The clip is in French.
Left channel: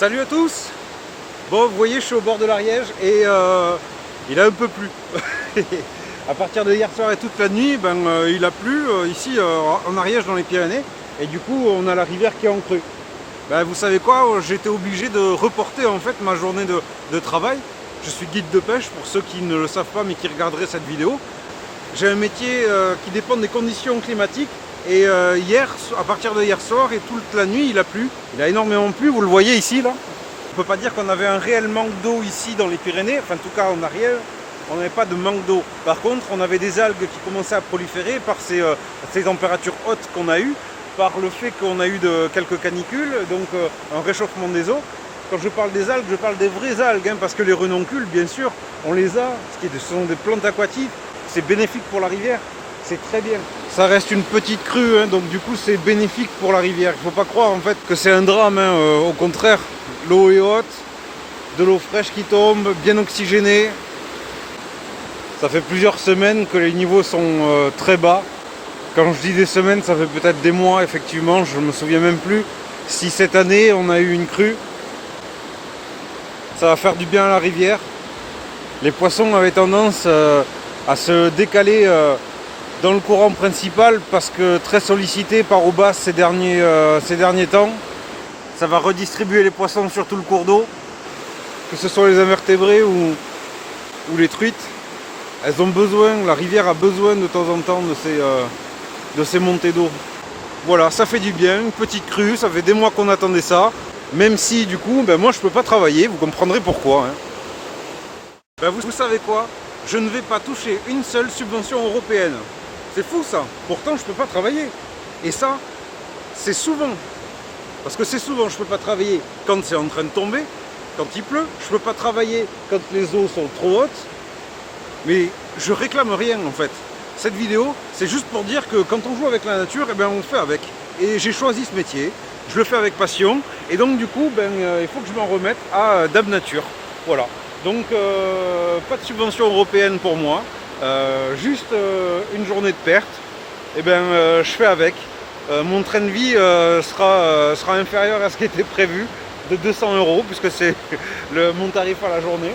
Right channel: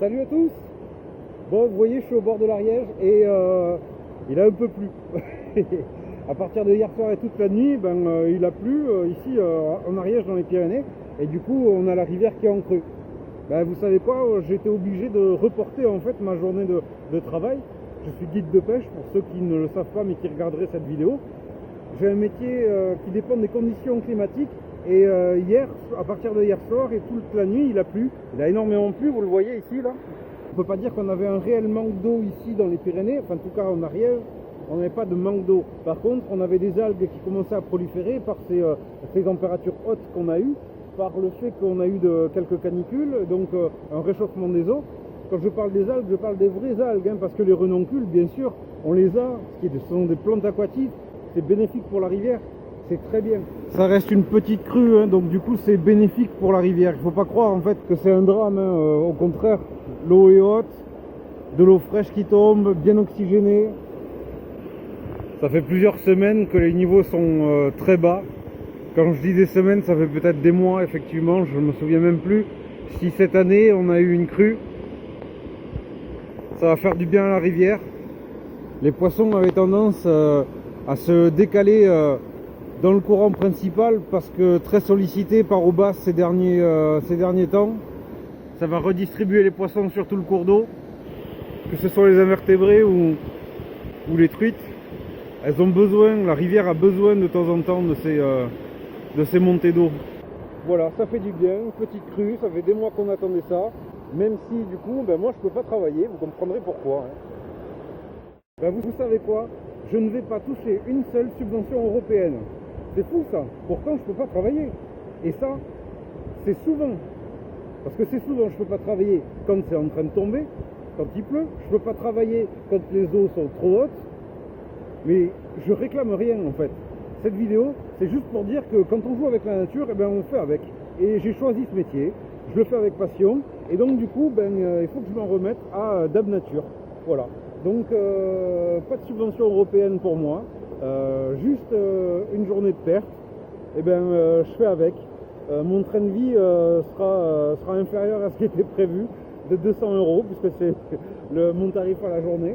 Salut à tous. Bon, vous voyez, je suis au bord de l'Ariège et il a un peu plu. À partir de hier soir et toute la nuit, il a plu ici en Ariège dans les Pyrénées. Et du coup, on a la rivière qui est en crue. Vous savez quoi, j'étais obligé de reporter en fait ma journée de travail. Je suis guide de pêche pour ceux qui ne le savent pas mais qui regarderaient cette vidéo. J'ai un métier qui dépend des conditions climatiques. Et à partir de hier soir et toute la nuit, il a plu. Il a énormément plu, vous le voyez ici là. On ne peut pas dire qu'on avait un réel manque d'eau ici dans les Pyrénées, enfin en tout cas en Ariège, on n'avait pas de manque d'eau. Par contre, on avait des algues qui commençaient à proliférer par ces températures hautes qu'on a eues, par le fait qu'on a eu quelques canicules, donc un réchauffement des eaux. Quand je parle des algues, je parle des vraies algues, parce que les renoncules, bien sûr, on les a, ce sont des plantes aquatiques, c'est bénéfique pour la rivière. C'est très bien. Ça reste une petite crue, donc du coup c'est bénéfique pour la rivière. Il ne faut pas croire en fait que c'est un drame, au contraire, l'eau est haute, de l'eau fraîche qui tombe, bien oxygénée. Ça fait plusieurs semaines que les niveaux sont très bas. Quand je dis des semaines, ça fait peut-être des mois, effectivement, je ne me souviens même plus si cette année on a eu une crue. Ça va faire du bien à la rivière. Les poissons avaient tendance à se décaler dans le courant principal parce que très sollicité par eau basse ces derniers temps. Ça va redistribuer les poissons sur tout le cours d'eau, que ce soit les invertébrés ou les truites. Elles ont besoin, la rivière a besoin de temps en temps de ces montées d'eau. Voilà, ça fait du bien, une petite crue, ça fait des mois qu'on attendait ça. Même si du coup, moi je peux pas travailler, vous comprendrez pourquoi. Vous savez quoi? Je ne vais pas toucher une seule subvention européenne. C'est fou ça. Pourtant je peux pas travailler. Et ça, c'est souvent. Parce que c'est souvent, je peux pas travailler quand c'est en train de tomber, quand il pleut. Je peux pas travailler quand les eaux sont trop hautes. Mais je réclame rien en fait. Cette vidéo, c'est juste pour dire que quand on joue avec la nature, on fait avec. Et j'ai choisi ce métier. Je le fais avec passion. Et donc du coup, il faut que je m'en remette à Dame Nature. Voilà. Donc pas de subvention européenne pour moi. Juste une journée de perte, je fais avec. Mon train de vie sera inférieur à ce qui était prévu de 200 €, puisque c'est mon tarif à la journée.